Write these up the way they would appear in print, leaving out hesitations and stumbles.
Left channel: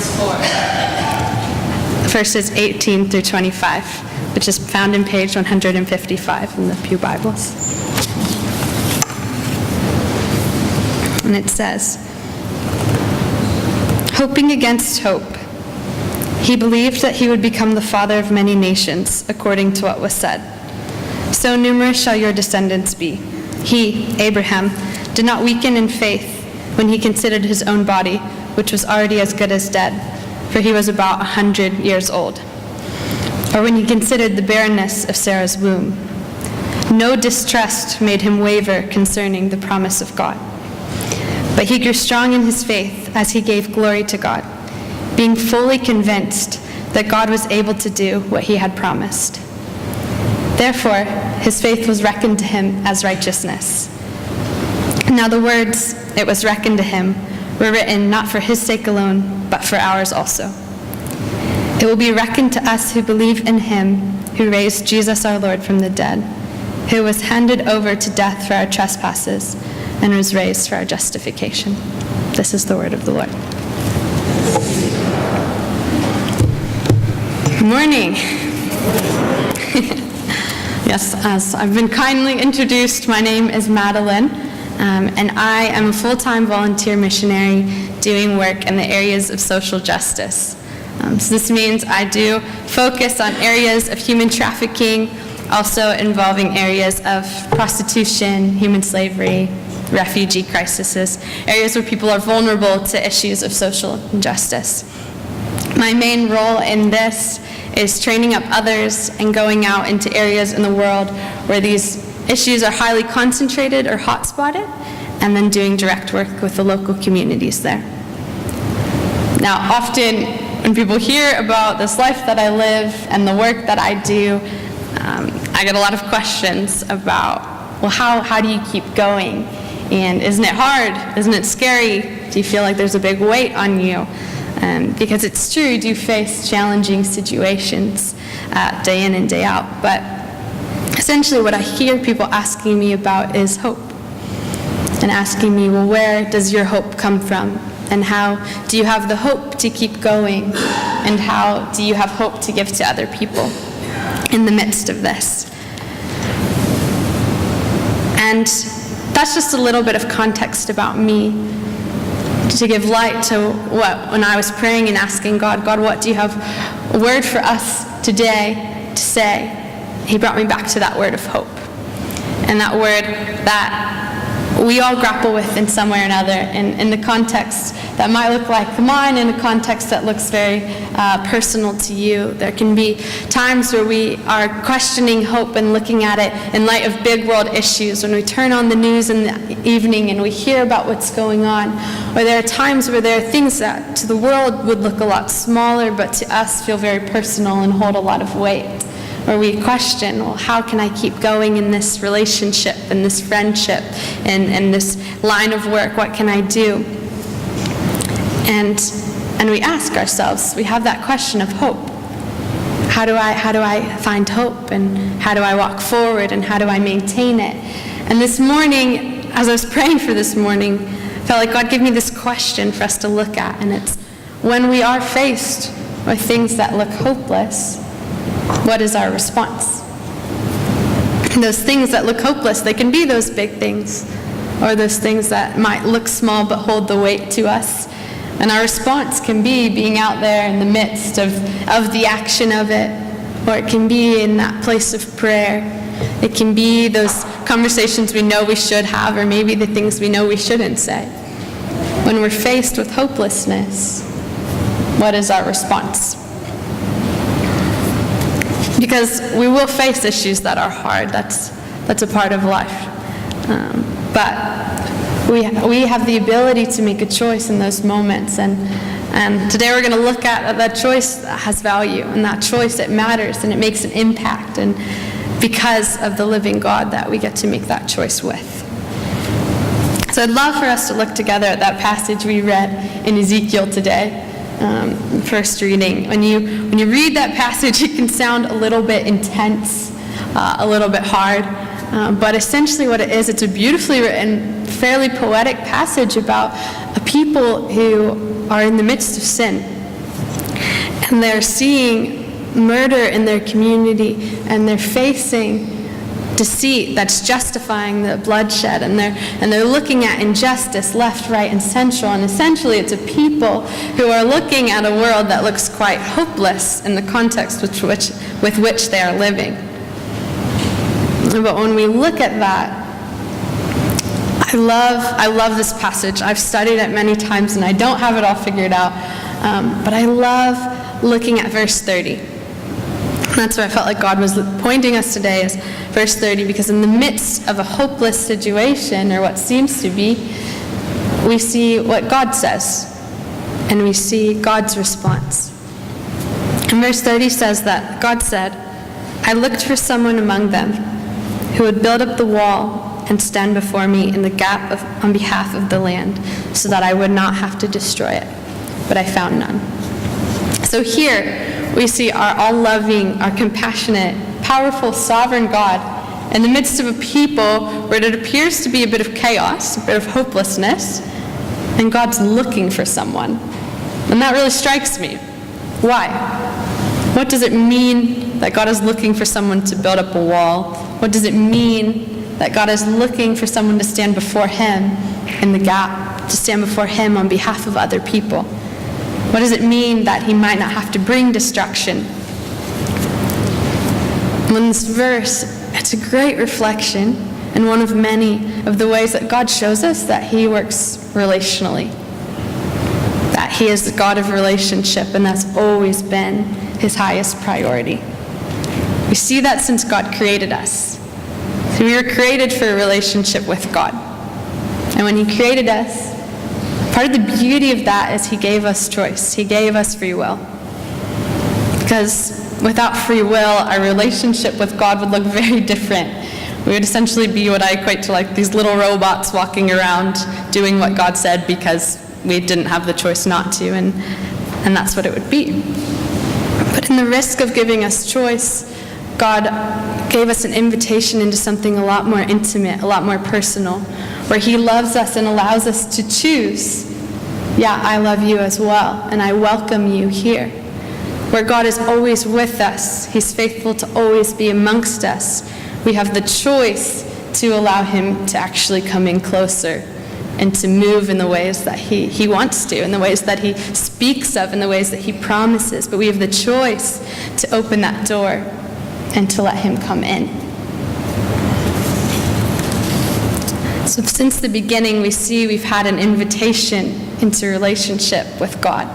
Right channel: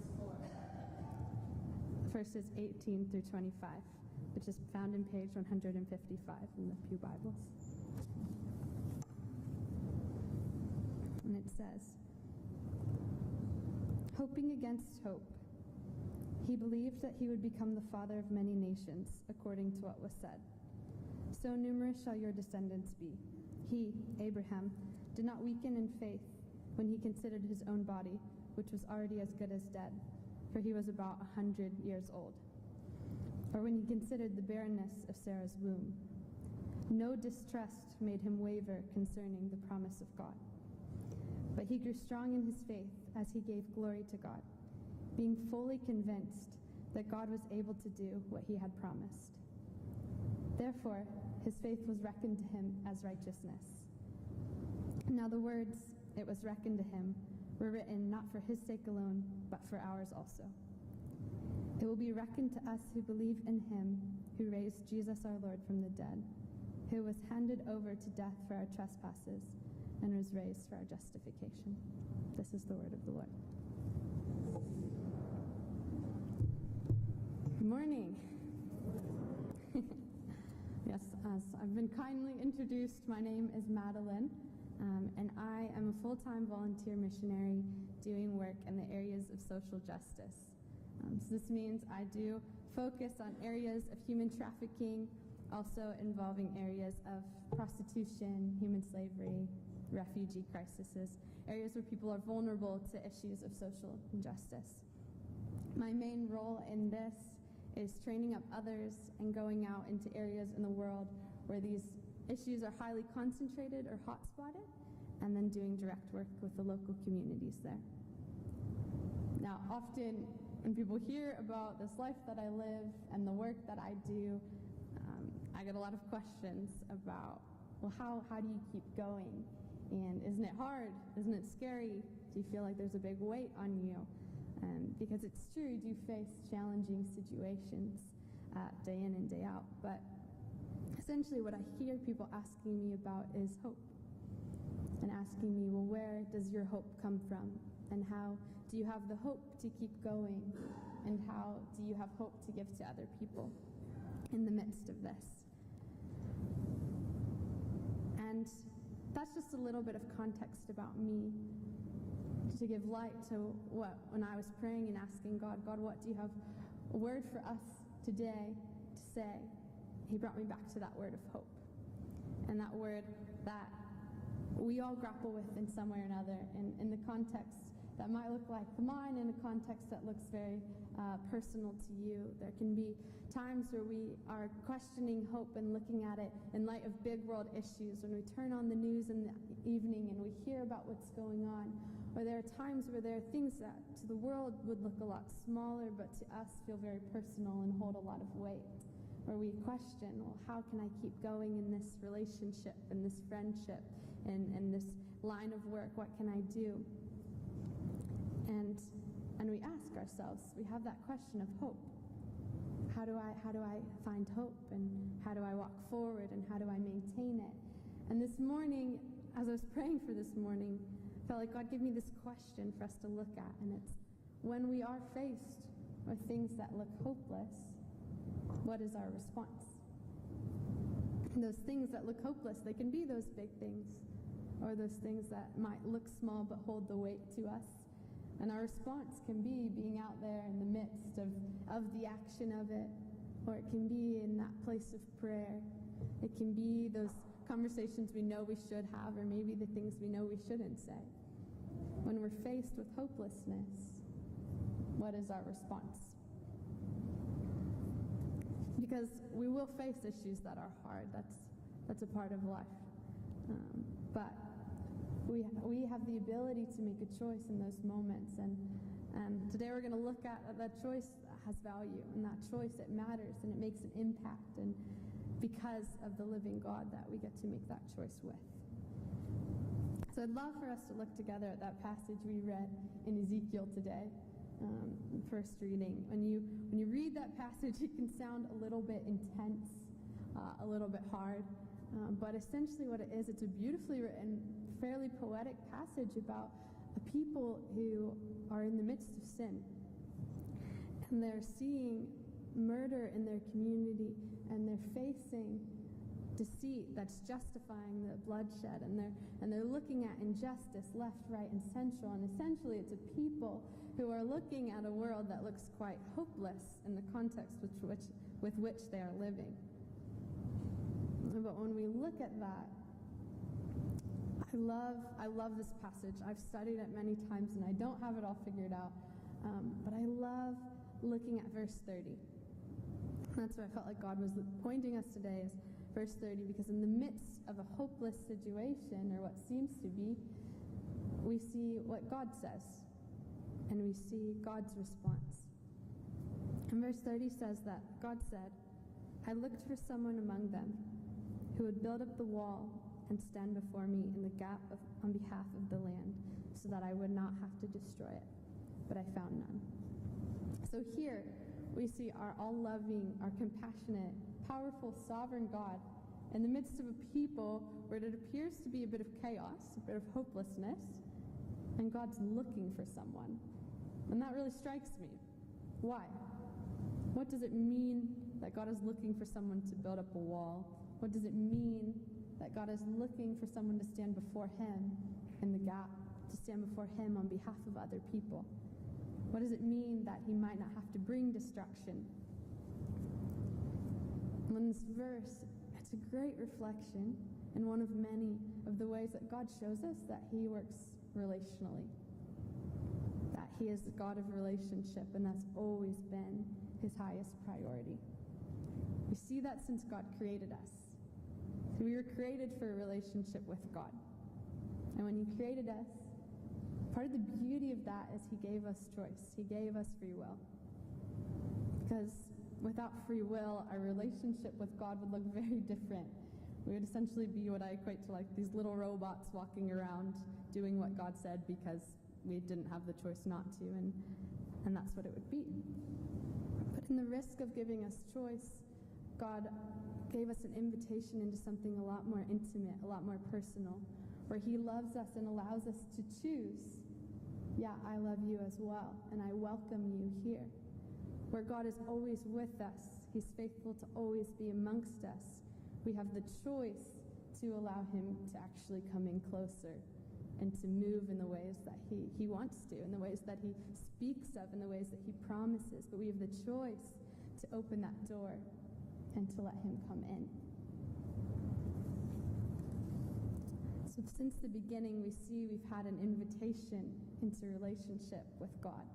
Romans 4. Verses 18 through 25, which is found in page 155 in the Pew Bibles. And it says, "Hoping against hope, he believed that he would become the father of many nations, according to what was said. So numerous shall your descendants be. He, Abraham, did not weaken in faith when he considered his own body, which was already as good as dead, for he was about 100 years old. Or when he considered the barrenness of Sarah's womb. No distrust made him waver concerning the promise of God. But he grew strong in his faith as he gave glory to God, being fully convinced that God was able to do what he had promised. Therefore, his faith was reckoned to him as righteousness. Now the words, 'it was reckoned to him,' were written not for his sake alone, but for ours also. It will be reckoned to us who believe in him who raised Jesus our Lord from the dead, who was handed over to death for our trespasses and was raised for our justification." This is the word of the Lord. Good morning. Yes, as I've been kindly introduced, my name is Madeline, and I am a full-time volunteer missionary doing work in the areas of social justice. So this means I do focus on areas of human trafficking, also involving areas of prostitution, human slavery, refugee crises, areas where people are vulnerable to issues of social injustice. My main role in this is training up others and going out into areas in the world where these issues are highly concentrated or hot-spotted, and then doing direct work with the local communities there. Now, often when people hear about this life that I live and the work that I do, I get a lot of questions about, well, how do you keep going? And isn't it hard? Isn't it scary? Do you feel like there's a big weight on you? Because it's true, you do face challenging situations day in and day out. But essentially what I hear people asking me about is hope. And asking me, well, where does your hope come from? And how do you have the hope to keep going? And how do you have hope to give to other people in the midst of this? And that's just a little bit of context about me, to give light to when I was praying and asking God, what do you have a word for us today to say? He brought me back to that word of hope. And that word that we all grapple with in some way or another, in the context that might look like mine, in a context that looks very personal to you. There can be times where we are questioning hope and looking at it in light of big world issues, when we turn on the news in the evening and we hear about what's going on. Or there are times where there are things that to the world would look a lot smaller, but to us feel very personal and hold a lot of weight. Where we question, well, how can I keep going in this relationship, in this friendship, in this line of work? What can I do? And we ask ourselves, we have that question of hope. How do I find hope? And how do I walk forward? And how do I maintain it? And this morning, as I was praying for this morning, I felt like God gave me this question for us to look at. And it's, when we are faced with things that look hopeless, what is our response? And those things that look hopeless, they can be those big things, or those things that might look small but hold the weight to us. And our response can be being out there in the midst of the action of it, or it can be in that place of prayer. It can be those conversations we know we should have, or maybe the things we know we shouldn't say. When we're faced with hopelessness, what is our response? Because we will face issues that are hard. That's a part of life. But we have the ability to make a choice in those moments. And today we're going to look at that choice that has value. And that choice, it matters and it makes an impact. And because of the living God that we get to make that choice with. So I'd love for us to look together at that passage we read in Ezekiel today. First reading. When you read that passage, it can sound a little bit intense, a little bit hard, but essentially what it is, it's a beautifully written, fairly poetic passage about a people who are in the midst of sin, And they're seeing murder in their community, and they're facing deceit that's justifying the bloodshed, and they're looking at injustice left, right, and central. And essentially it's a people who are looking at a world that looks quite hopeless in the context with which they are living. But when we look at that, I love this passage. I've studied it many times and I don't have it all figured out, but I love looking at verse 30. That's where I felt like God was pointing us today, is verse 30, because in the midst of a hopeless situation, or what seems to be, we see what God says, and we see God's response. And verse 30 says that God said, "I looked for someone among them who would build up the wall and stand before me in the gap on behalf of the land, so that I would not have to destroy it. But I found none." So here we see our all-loving, our compassionate, powerful, sovereign God in the midst of a people where it appears to be a bit of chaos, a bit of hopelessness, and God's looking for someone. And that really strikes me. Why? What does it mean that God is looking for someone to build up a wall? What does it mean that God is looking for someone to stand before him in the gap, to stand before him on behalf of other people? What does it mean that he might not have to bring destruction? In this verse, it's a great reflection, and one of many of the ways that God shows us that he works relationally, that he is the God of relationship, and that's always been his highest priority. We see that since God created us. So we were created for a relationship with God. And when he created us, part of the beauty of that is he gave us choice. He gave us free will. Because without free will, our relationship with God would look very different. We would essentially be what I equate to like these little robots walking around doing what God said because we didn't have the choice not to, and that's what it would be. But in the risk of giving us choice, God gave us an invitation into something a lot more intimate, a lot more personal, where he loves us and allows us to choose. Yeah, I love you as well, and I welcome you here. Where God is always with us, he's faithful to always be amongst us. We have the choice to allow him to actually come in closer and to move in the ways that he wants to, in the ways that he speaks of, in the ways that he promises. But we have the choice to open that door and to let him come in. So since the beginning, we see we've had an invitation into relationship with God.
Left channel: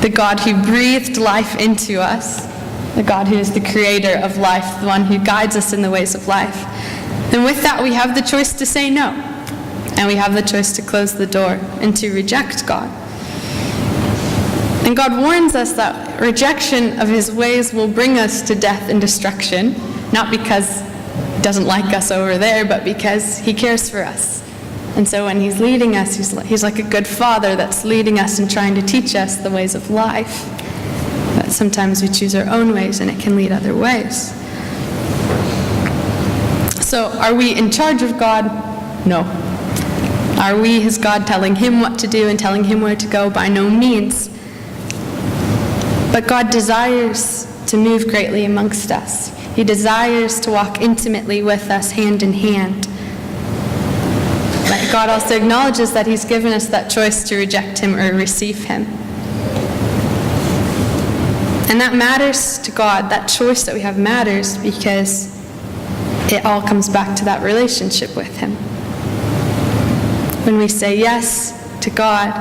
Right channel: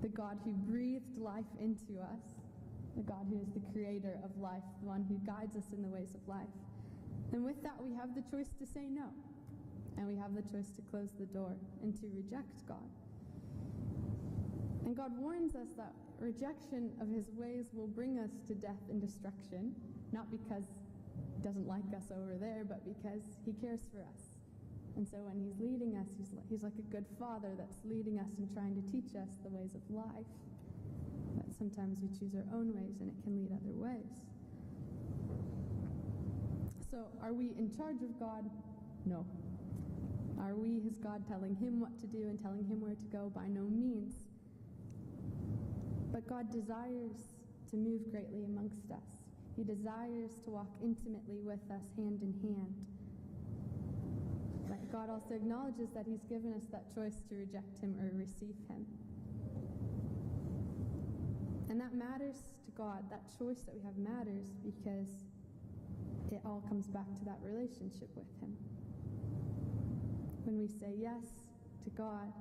The God who breathed life into us, the God who is the creator of life, the one who guides us in the ways of life. And with that, we have the choice to say no. And we have the choice to close the door and to reject God. And God warns us that rejection of his ways will bring us to death and destruction, not because he doesn't like us over there, but because he cares for us. And so when he's leading us, he's like a good father that's leading us and trying to teach us the ways of life. But sometimes we choose our own ways, and it can lead other ways. So are we in charge of God? No. Are we his God, telling him what to do and telling him where to go? By no means. But God desires to move greatly amongst us. He desires to walk intimately with us, hand in hand. But God also acknowledges that he's given us that choice to reject him or receive him. And that matters to God. That choice that we have matters because it all comes back to that relationship with him. When we say yes to God,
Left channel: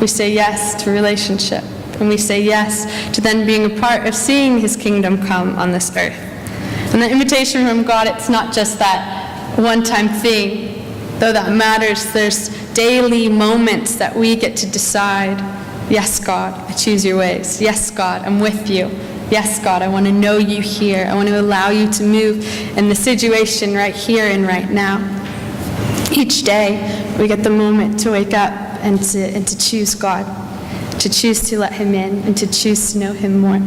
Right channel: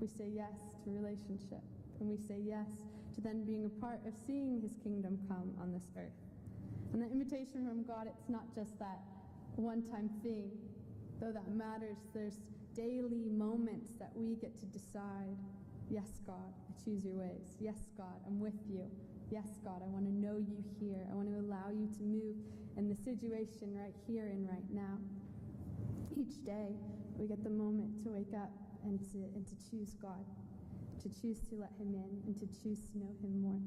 we say yes to relationship. And we say yes to then being a part of seeing his kingdom come on this earth. And the invitation from God, it's not just that one-time thing. Though that matters, there's daily moments that we get to decide, yes, God, I choose your ways. Yes, God, I'm with you. Yes, God, I want to know you here. I want to allow you to move in the situation right here and right now. Each day, we get the moment to wake up and to choose God, to choose to let him in, and to choose to know him more.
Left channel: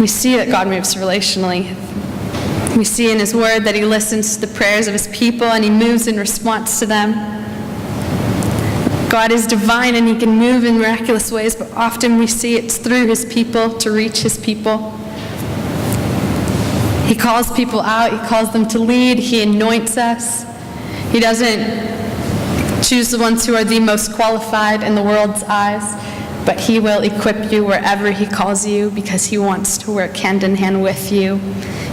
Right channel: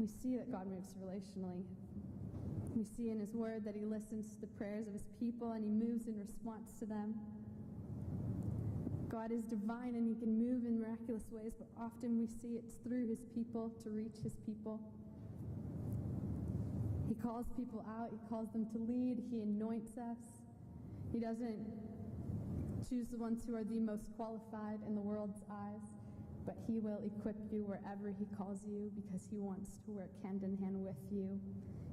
We see that God moves relationally. We see in his word that he listens to the prayers of his people and he moves in response to them. God is divine and he can move in miraculous ways, but often we see it's through his people to reach his people. He calls people out, he calls them to lead, he anoints us. He doesn't choose the ones who are the most qualified in the world's eyes, but he will equip you wherever he calls you because he wants to work hand in hand with you,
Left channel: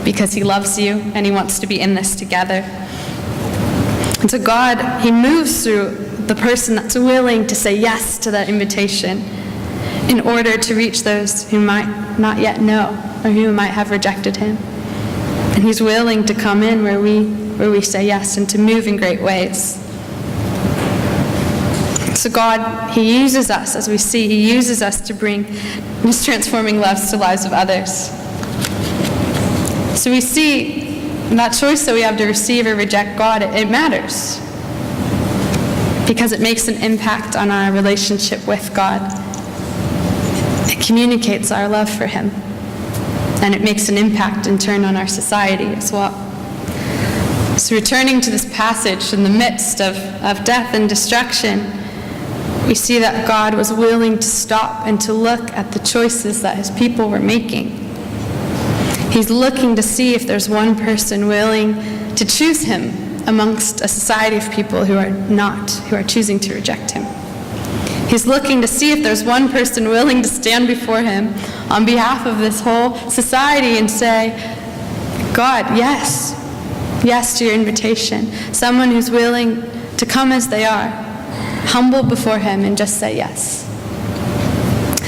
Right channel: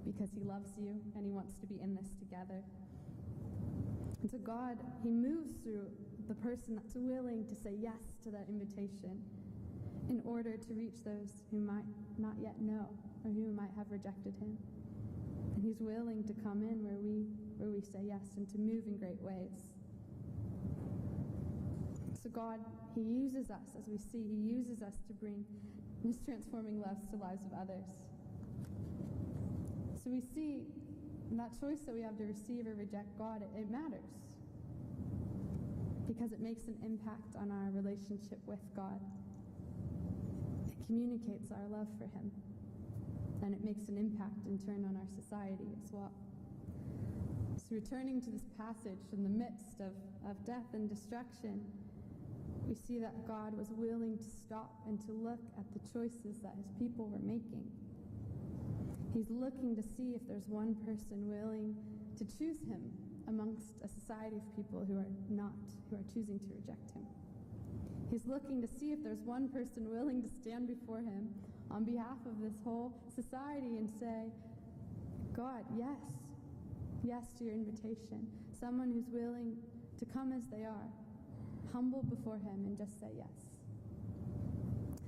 because he loves you and he wants to be in this together. And so God, he moves through the person that's willing to say yes to that invitation in order to reach those who might not yet know or who might have rejected him. And he's willing to come in where we say yes and to move in great ways. So God, he uses us, as we see, he uses us to bring his transforming love to the lives of others. So we see that choice that we have to receive or reject God, it matters. Because it makes an impact on our relationship with God. It communicates our love for him. And it makes an impact in turn on our society as well. So returning to this passage in the midst of death and destruction, we see that God was willing to stop and to look at the choices that his people were making. He's looking to see if there's one person willing to choose him amongst a society of people who are choosing to reject him. He's looking to see if there's one person willing to stand before him on behalf of this whole society and say, God, yes to your invitation. Someone who's willing to come as they are, humble before him and just say yes.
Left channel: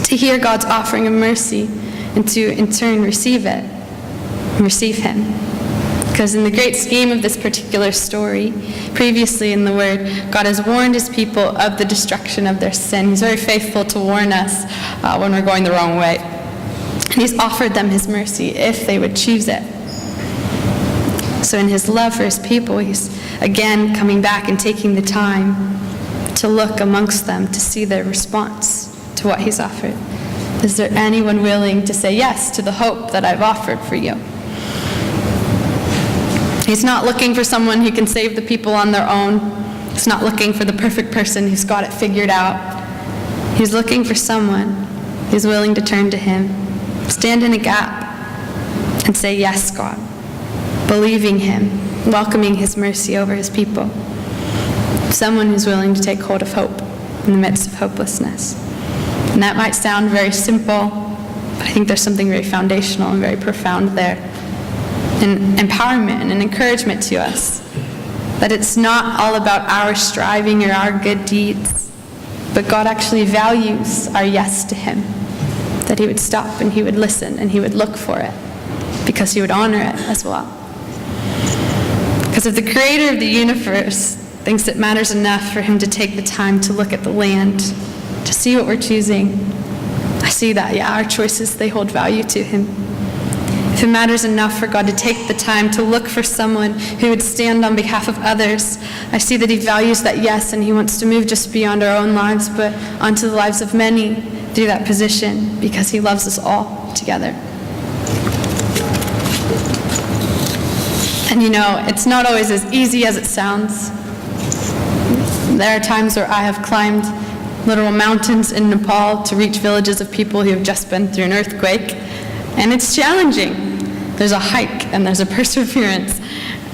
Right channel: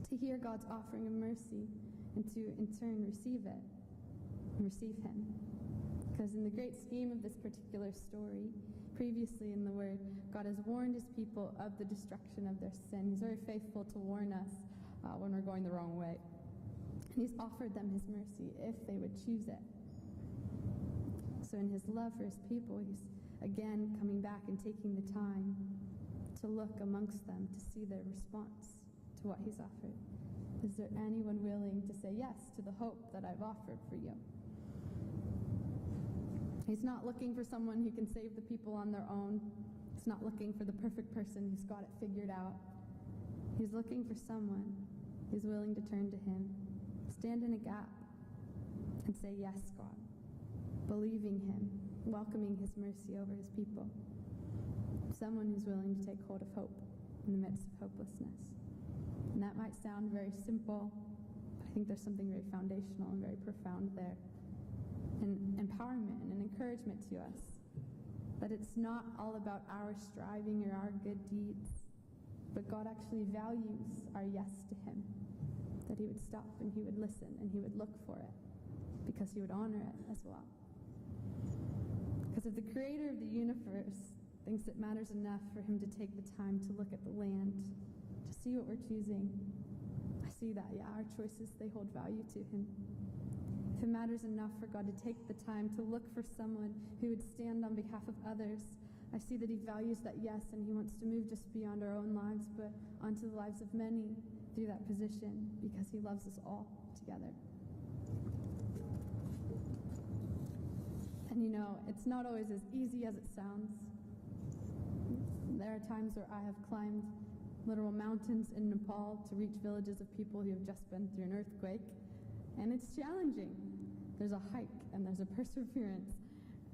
To hear God's offering of mercy and to in turn receive it and receive him. Because in the great scheme of this particular story, previously in the Word, God has warned his people of the destruction of their sin. He's very faithful to warn us when we're going the wrong way. And he's offered them his mercy if they would choose it. So in his love for his people, he's again coming back and taking the time to look amongst them to see their response to what he's offered. Is there anyone willing to say yes to the hope that I've offered for you? He's not looking for someone who can save the people on their own. He's not looking for the perfect person who's got it figured out. He's looking for someone who's willing to turn to him, stand in a gap, and say, yes, God, believing him, welcoming his mercy over his people. Someone who's willing to take hold of hope in the midst of hopelessness. And that might sound very simple, but I think there's something very foundational and very profound there. An empowerment and an encouragement to us that it's not all about our striving or our good deeds, but God actually values our yes to him, that he would stop and he would listen and he would look for it because he would honor it as well. Because if the creator of the universe thinks it matters enough for him to take the time to look at the land, to see what we're choosing, I see that, our choices, they hold value to him. If it matters enough for God to take the time to look for someone who would stand on behalf of others, I see that he values that yes, and he wants to move just beyond our own lives, but onto the lives of many through that position, because he loves us all together. And it's not always as easy as it sounds. There are times where I have climbed literal mountains in Nepal to reach villages of people who have just been through an earthquake, and it's challenging. There's a hike, and there's a perseverance,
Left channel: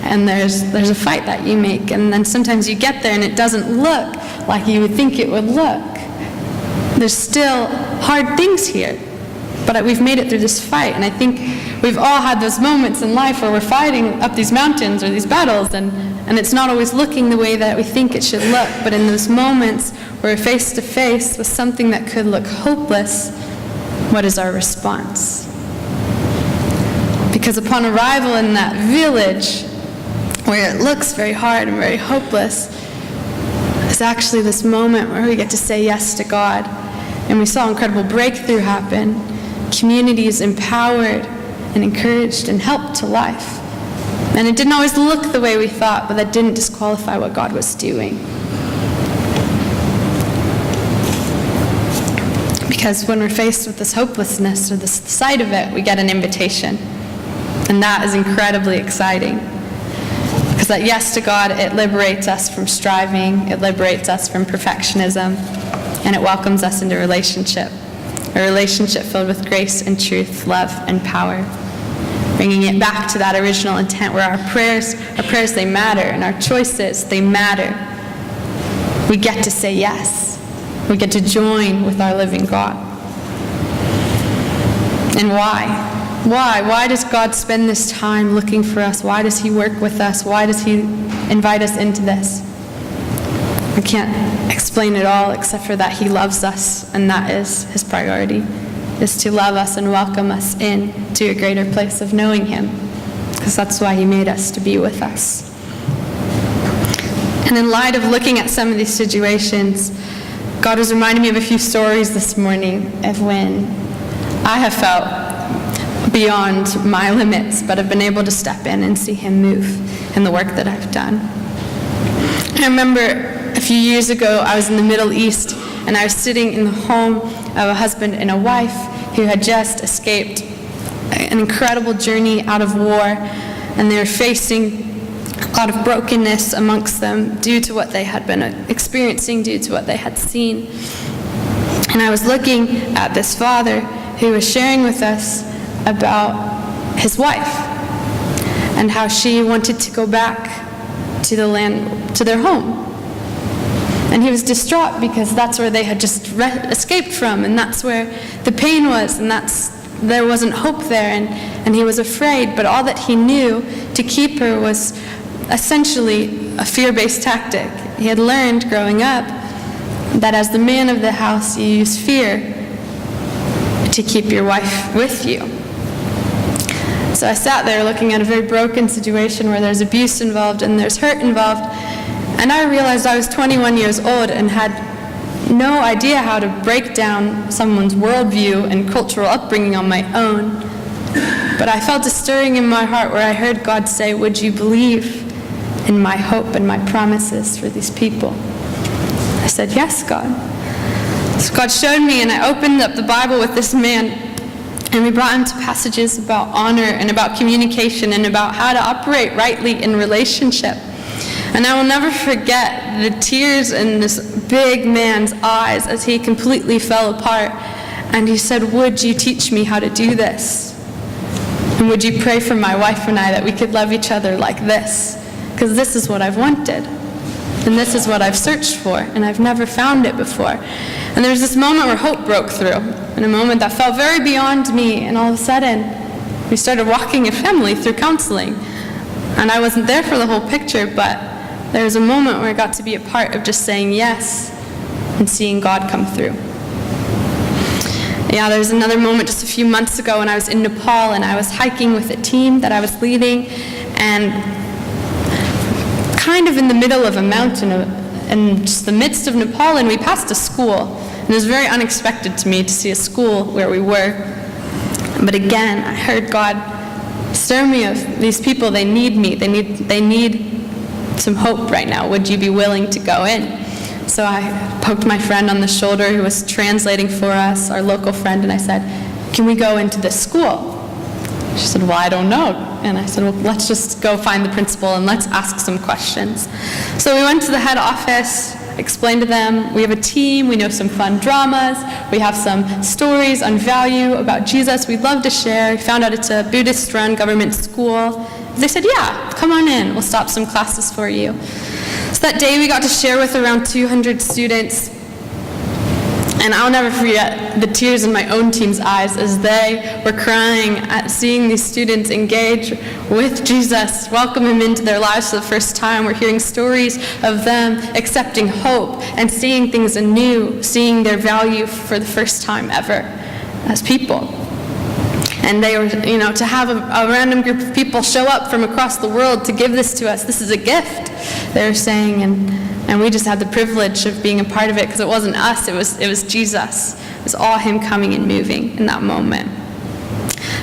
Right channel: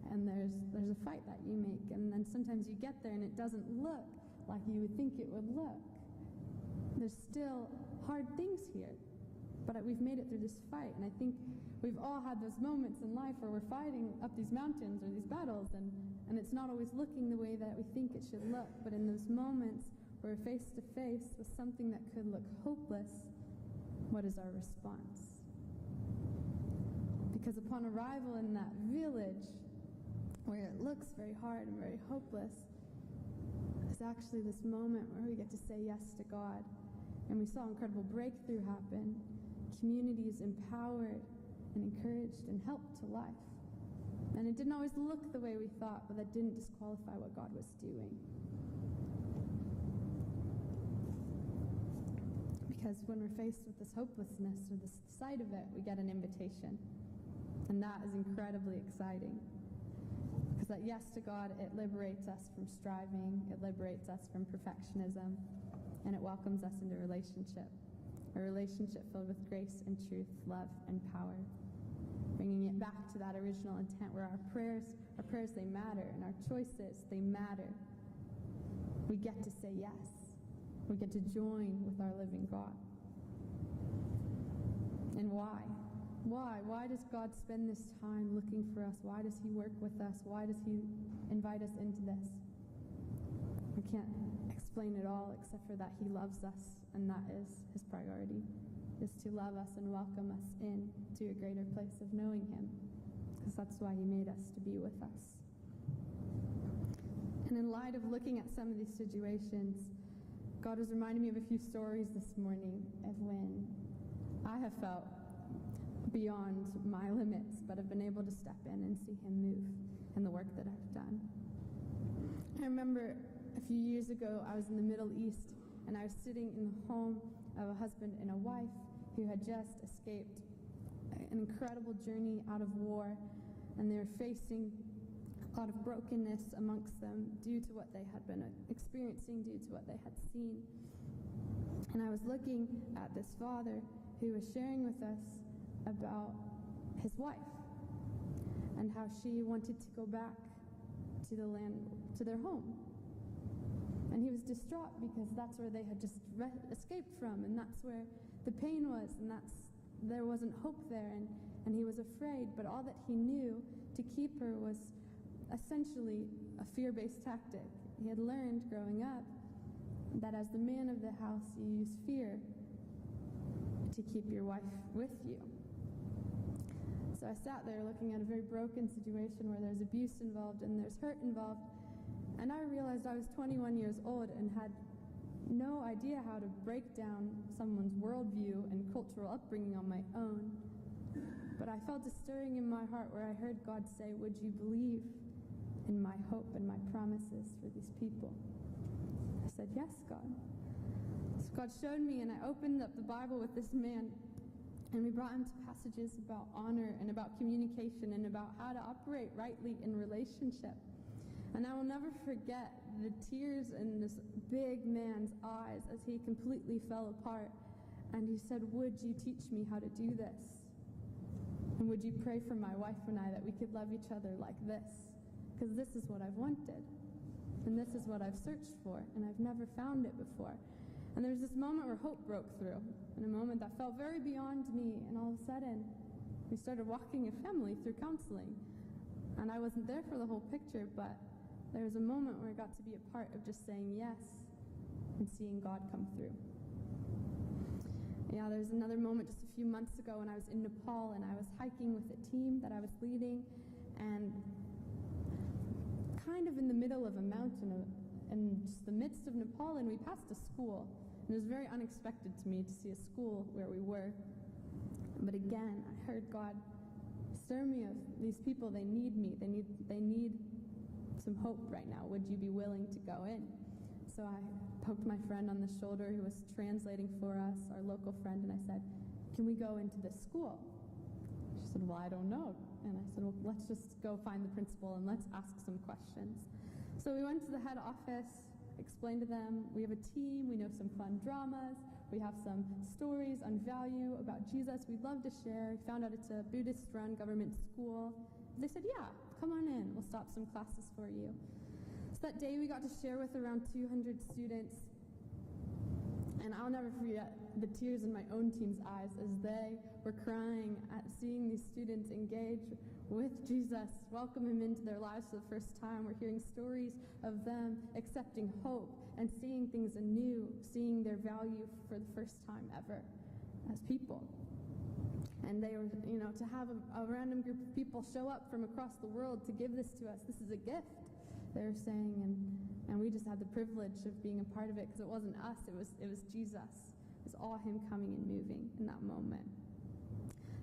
and there's a fight that you make, and then sometimes you get there and it doesn't look like you would think it would look. There's still hard things here, but we've made it through this fight, and I think we've all had those moments in life where we're fighting up these mountains or these battles, and it's not always looking the way that we think it should look, but in those moments where we're face to face with something that could look hopeless, what is our response? Because upon arrival in that village, where it looks very hard and very hopeless, is actually this moment where we get to say yes to God. And we saw incredible breakthrough happen, communities empowered and encouraged and helped to life. And it didn't always look the way we thought, but that didn't disqualify what God was doing. Because when we're faced with this hopelessness or the sight of it, we get an invitation. And that is incredibly exciting. Because that yes to God, it liberates us from striving, it liberates us from perfectionism, and it welcomes us into relationship. A relationship filled with grace and truth, love and power. Bringing it back to that original intent where our prayers, they matter, and our choices, they matter. We get to say yes. We get to join with our living God. And why? Why? Why does God spend this time looking for us? Why does he work with us? Why does he invite us into this? I can't explain it all except for that he loves us, and that is his priority, is to love us and welcome us in to a greater place of knowing him, because that's why he made us, to be with us. And in light of looking at some of these situations, God was reminding me of a few stories this morning of when I have felt beyond my limits, but have been able to step in and see him move in the work that I've done. I remember a few years ago, I was in the Middle East, and I was sitting in the home of a husband and a wife who had just escaped an incredible journey out of war, and they were facing a lot of brokenness amongst them due to what they had been experiencing, due to what they had seen. And I was looking at this father who was sharing with us about his wife and how she wanted to go back to the land, to their home. And he was distraught because that's where they had just escaped from, and that's where the pain was, and there wasn't hope there, and he was afraid. But all that he knew to keep her was essentially a fear-based tactic. He had learned growing up that as the man of the house, you use fear to keep your wife with you. So I sat there looking at a very broken situation where there's abuse involved and there's hurt involved, and I realized I was 21 years old and had no idea how to break down someone's worldview and cultural upbringing on my own. But I felt a stirring in my heart where I heard God say, "Would you believe in my hope and my promises for these people?" I said, "Yes, God." So God showed me, and I opened up the Bible with this man, and we brought him to passages about honor and about communication and about how to operate rightly in relationship. And I will never forget the tears in this big man's eyes as he completely fell apart. And he said, "Would you teach me how to do this? And would you pray for my wife and I that we could love each other like this? Because this is what I've wanted. And this is what I've searched for. And I've never found it before." And there was this moment where hope broke through, in a moment that felt very beyond me. And all of a sudden, we started walking a family through counseling. And I wasn't there for the whole picture, but there was a moment where I got to be a part of just saying yes and seeing God come through. Yeah, there was another moment just a few months ago when I was in Nepal, and I was hiking with a team that I was leading, and kind of in the middle of a mountain in just the midst of Nepal, and we passed a school. And it was very unexpected to me to see a school where we were. But again, I heard God stir me of these people, they need me. They need some hope right now. Would you be willing to go in? So I poked my friend on the shoulder who was translating for us, our local friend, and I said, "Can we go into this school?" She said, "Well, I don't know." And I said, "Well, let's just go find the principal and let's ask some questions." So we went to the head office, explained to them, we have a team, we know some fun dramas, we have some stories on value about Jesus we'd love to share. We found out it's a Buddhist-run government school. They said, "Yeah, come on in, we'll stop some classes for you." So that day we got to share with around 200 students. And I'll never forget the tears in my own team's eyes as they were crying at seeing these students engage with Jesus, welcome him into their lives for the first time. We're hearing stories of them accepting hope and seeing things anew, seeing their value for the first time ever as people. And they were, to have a random group of people show up from across the world to give this to us, this is a gift, they were saying, and we just had the privilege of being a part of it because it wasn't us, it was Jesus. It was all him coming and moving in that moment.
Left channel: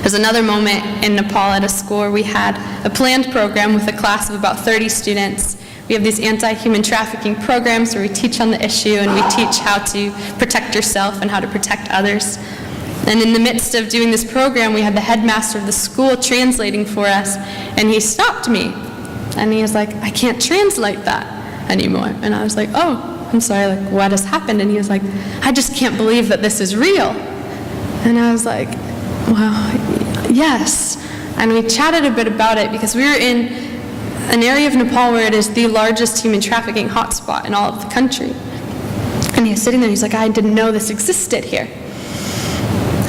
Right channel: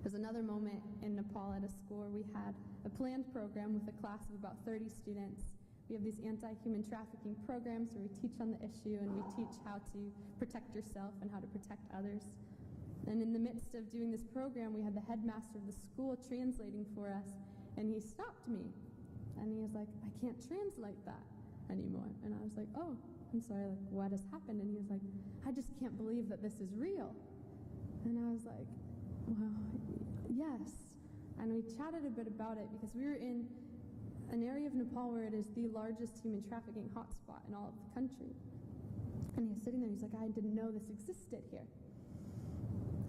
There's another moment in Nepal at a school where we had a planned program with a class of about 30 students. We have these anti-human trafficking programs where we teach on the issue and we teach how to protect yourself and how to protect others. And in the midst of doing this program, we had the headmaster of the school translating for us, and he stopped me. And he was like, I can't translate that anymore. And I was like, oh, I'm sorry, like, what has happened? And he was like, I just can't believe that this is real. And I was like, well, yes. And we chatted a bit about it because we were in an area of Nepal where it is the largest human trafficking hotspot in all of the country. And he was sitting there, he's like, I didn't know this existed here.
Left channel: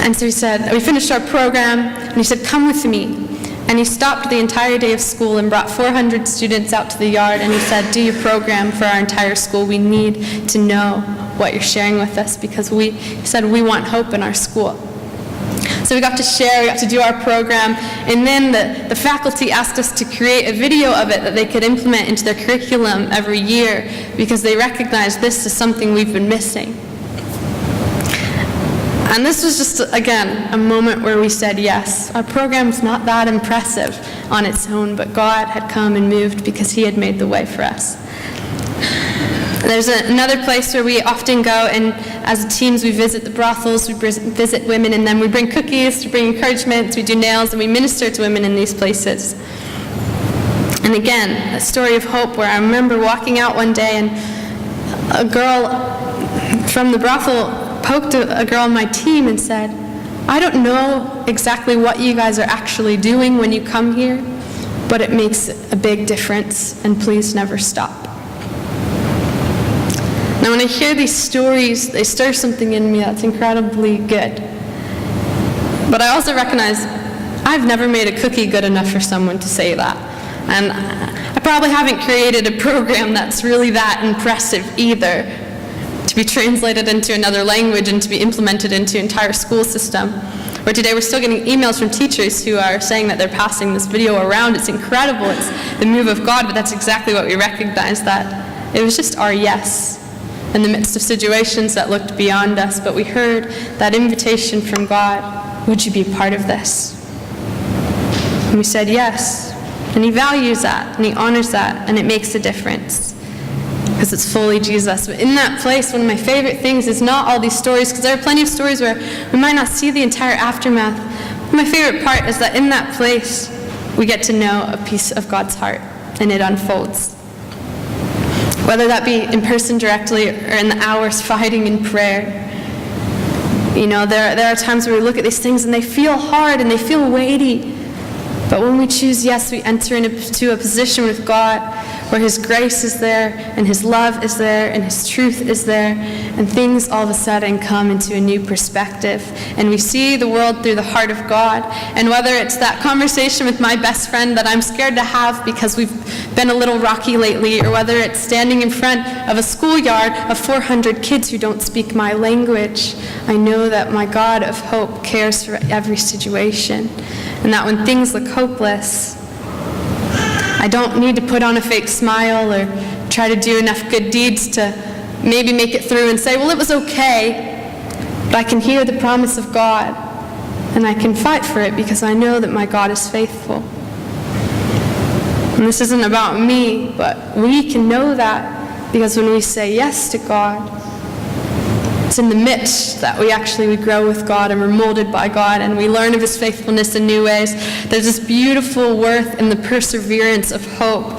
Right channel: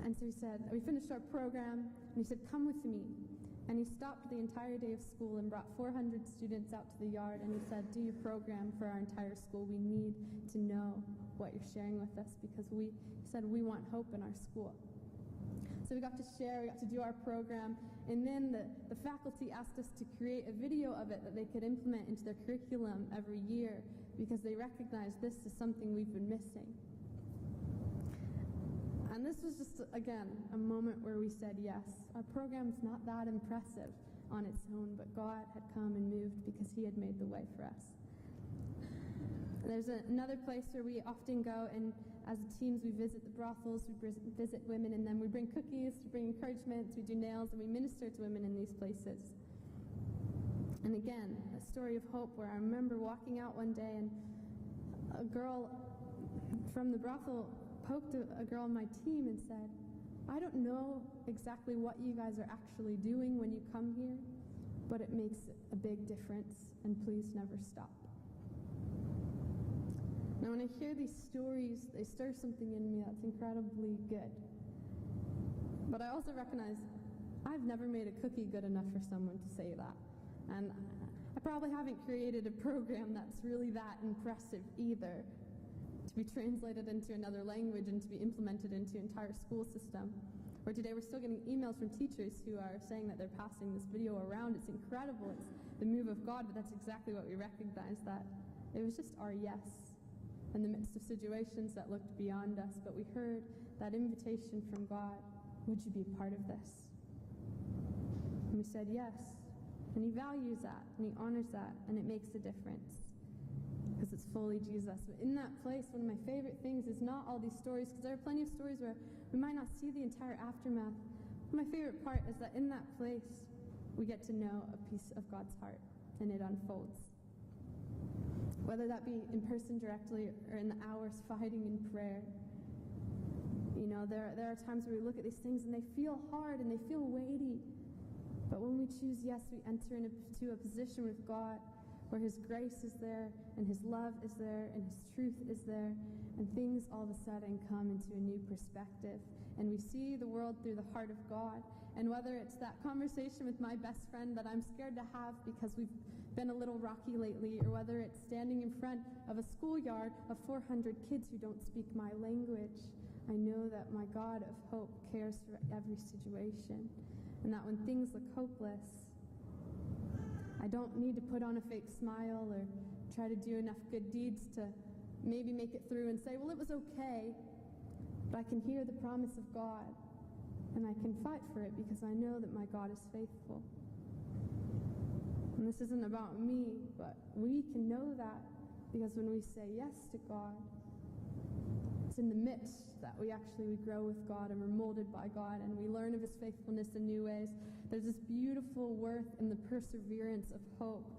And so he said, we finished our program, and he said, come with me. And he stopped the entire day of school and brought 400 students out to the yard, and he said, do your program for our entire school. We need to know what you're sharing with us, because he said, we want hope in our school. So we got to share, we got to do our program, and then the faculty asked us to create a video of it that they could implement into their curriculum every year, because they recognized this is something we've been missing. And this was just, again, a moment where we said yes. Our program's not that impressive on its own, but God had come and moved because he had made the way for us. There's another place where we often go, and as teams we visit the brothels, we visit women, and then we bring cookies, we bring encouragement, we do nails, and we minister to women in these places. And again, a story of hope where I remember walking out one day, and a girl from the brothel poked a girl on my team and said, I don't know exactly what you guys are actually doing when you come here, but it makes a big difference, and please never stop. Now when I hear these stories, they stir something in me that's incredibly good. But I also recognize I've never made a cookie good enough for someone to say that. And I probably haven't created a program that's really that impressive either, to be translated into another language and to be implemented into entire school system. Where today we're still getting emails from teachers who are saying that they're passing this video around. It's incredible, it's the move of God, but that's exactly what we recognize, that it was just our yes in the midst of situations that looked beyond us, but we heard that invitation from God, would you be part of this? And we said yes, and he values that, and he honors that, and it makes a difference, because it's fully Jesus. But in that place, one of my favorite things is not all these stories, because there are plenty of stories where we might not see the entire aftermath. My favorite part is that in that place, we get to know a piece of God's heart, and it unfolds. Whether that be in person directly or in the hours fighting in prayer. You know, there are times where we look at these things and they feel hard and they feel weighty. But when we choose yes, we enter into a position with God where his grace is there, and his love is there, and his truth is there, and things all of a sudden come into a new perspective. And we see the world through the heart of God. And whether it's that conversation with my best friend that I'm scared to have because we've been a little rocky lately, or whether it's standing in front of a schoolyard of 400 kids who don't speak my language, I know that my God of hope cares for every situation. And that when things look hopeless, I don't need to put on a fake smile or try to do enough good deeds to maybe make it through and say, well, it was okay, but I can hear the promise of God, and I can fight for it because I know that my God is faithful. And this isn't about me, but we can know that because when we say yes to God, it's in the midst that we grow with God, and we're molded by God, and we learn of his faithfulness in new ways. There's this beautiful worth in the perseverance of hope,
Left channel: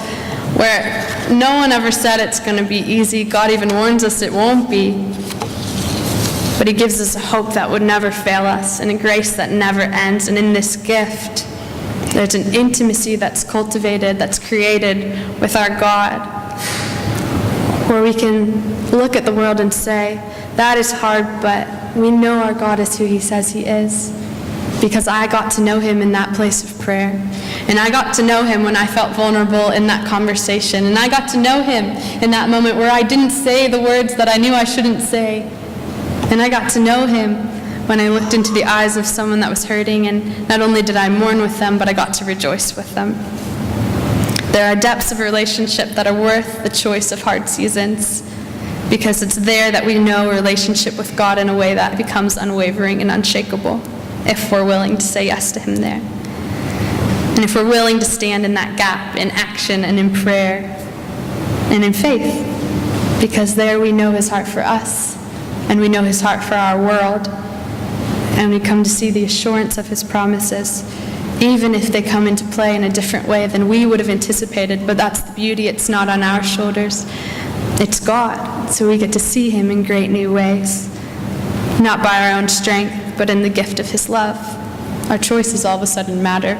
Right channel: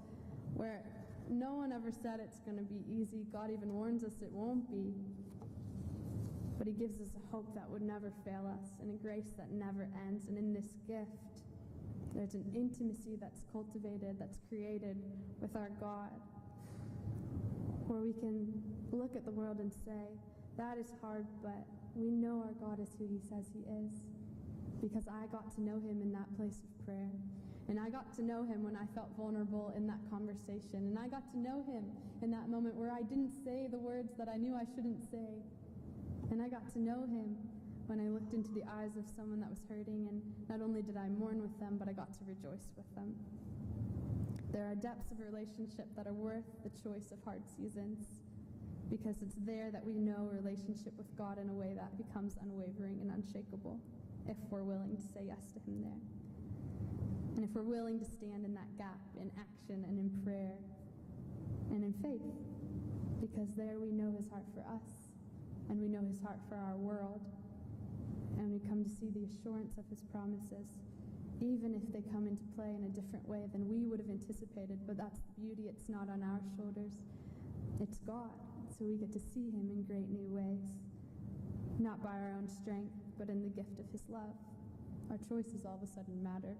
where no one ever said it's going to be easy. God even warns us it won't be. But he gives us a hope that would never fail us, and a grace that never ends. And in this gift, there's an intimacy that's cultivated, that's created with our God, where we can look at the world and say, that is hard, but we know our God is who he says he is, because I got to know him in that place of prayer. And I got to know him when I felt vulnerable in that conversation. And I got to know him in that moment where I didn't say the words that I knew I shouldn't say. And I got to know him when I looked into the eyes of someone that was hurting, and not only did I mourn with them, but I got to rejoice with them. There are depths of relationship that are worth the choice of hard seasons, because it's there that we know a relationship with God in a way that becomes unwavering and unshakable, if we're willing to say yes to him there. And if we're willing to stand in that gap in action and in prayer and in faith, because there we know his heart for us, and we know his heart for our world, and we come to see the assurance of his promises even if they come into play in a different way than we would have anticipated. But that's the beauty. It's not on our shoulders. It's God. So we get to see him in great new ways, not by our own strength, but in the gift of his love. Our choices all of a sudden matter.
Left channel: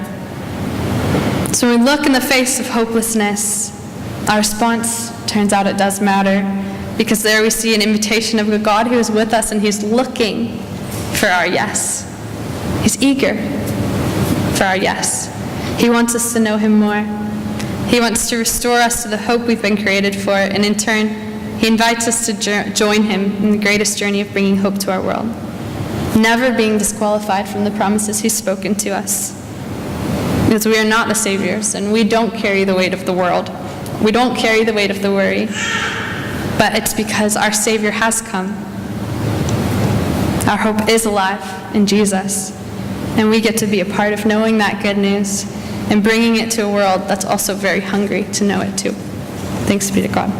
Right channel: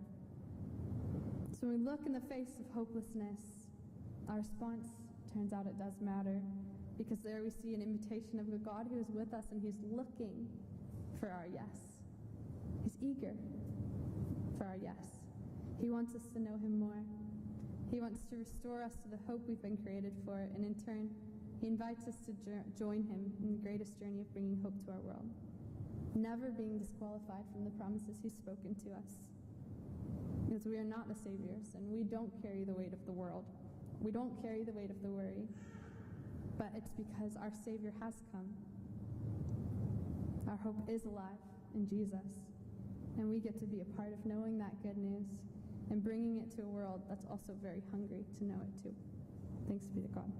So when we look in the face of hopelessness, our response turns out it does matter, because there we see an invitation of a God who is with us and he's looking for our yes. He's eager for our yes. He wants us to know him more. He wants to restore us to the hope we've been created for, and in turn, he invites us to join him in the greatest journey of bringing hope to our world, never being disqualified from the promises he's spoken to us. Because we are not the saviors, and we don't carry the weight of the world. We don't carry the weight of the worry, but it's because our Savior has come. Our hope is alive in Jesus, and we get to be a part of knowing that good news and bringing it to a world that's also very hungry to know it too. Thanks be to God.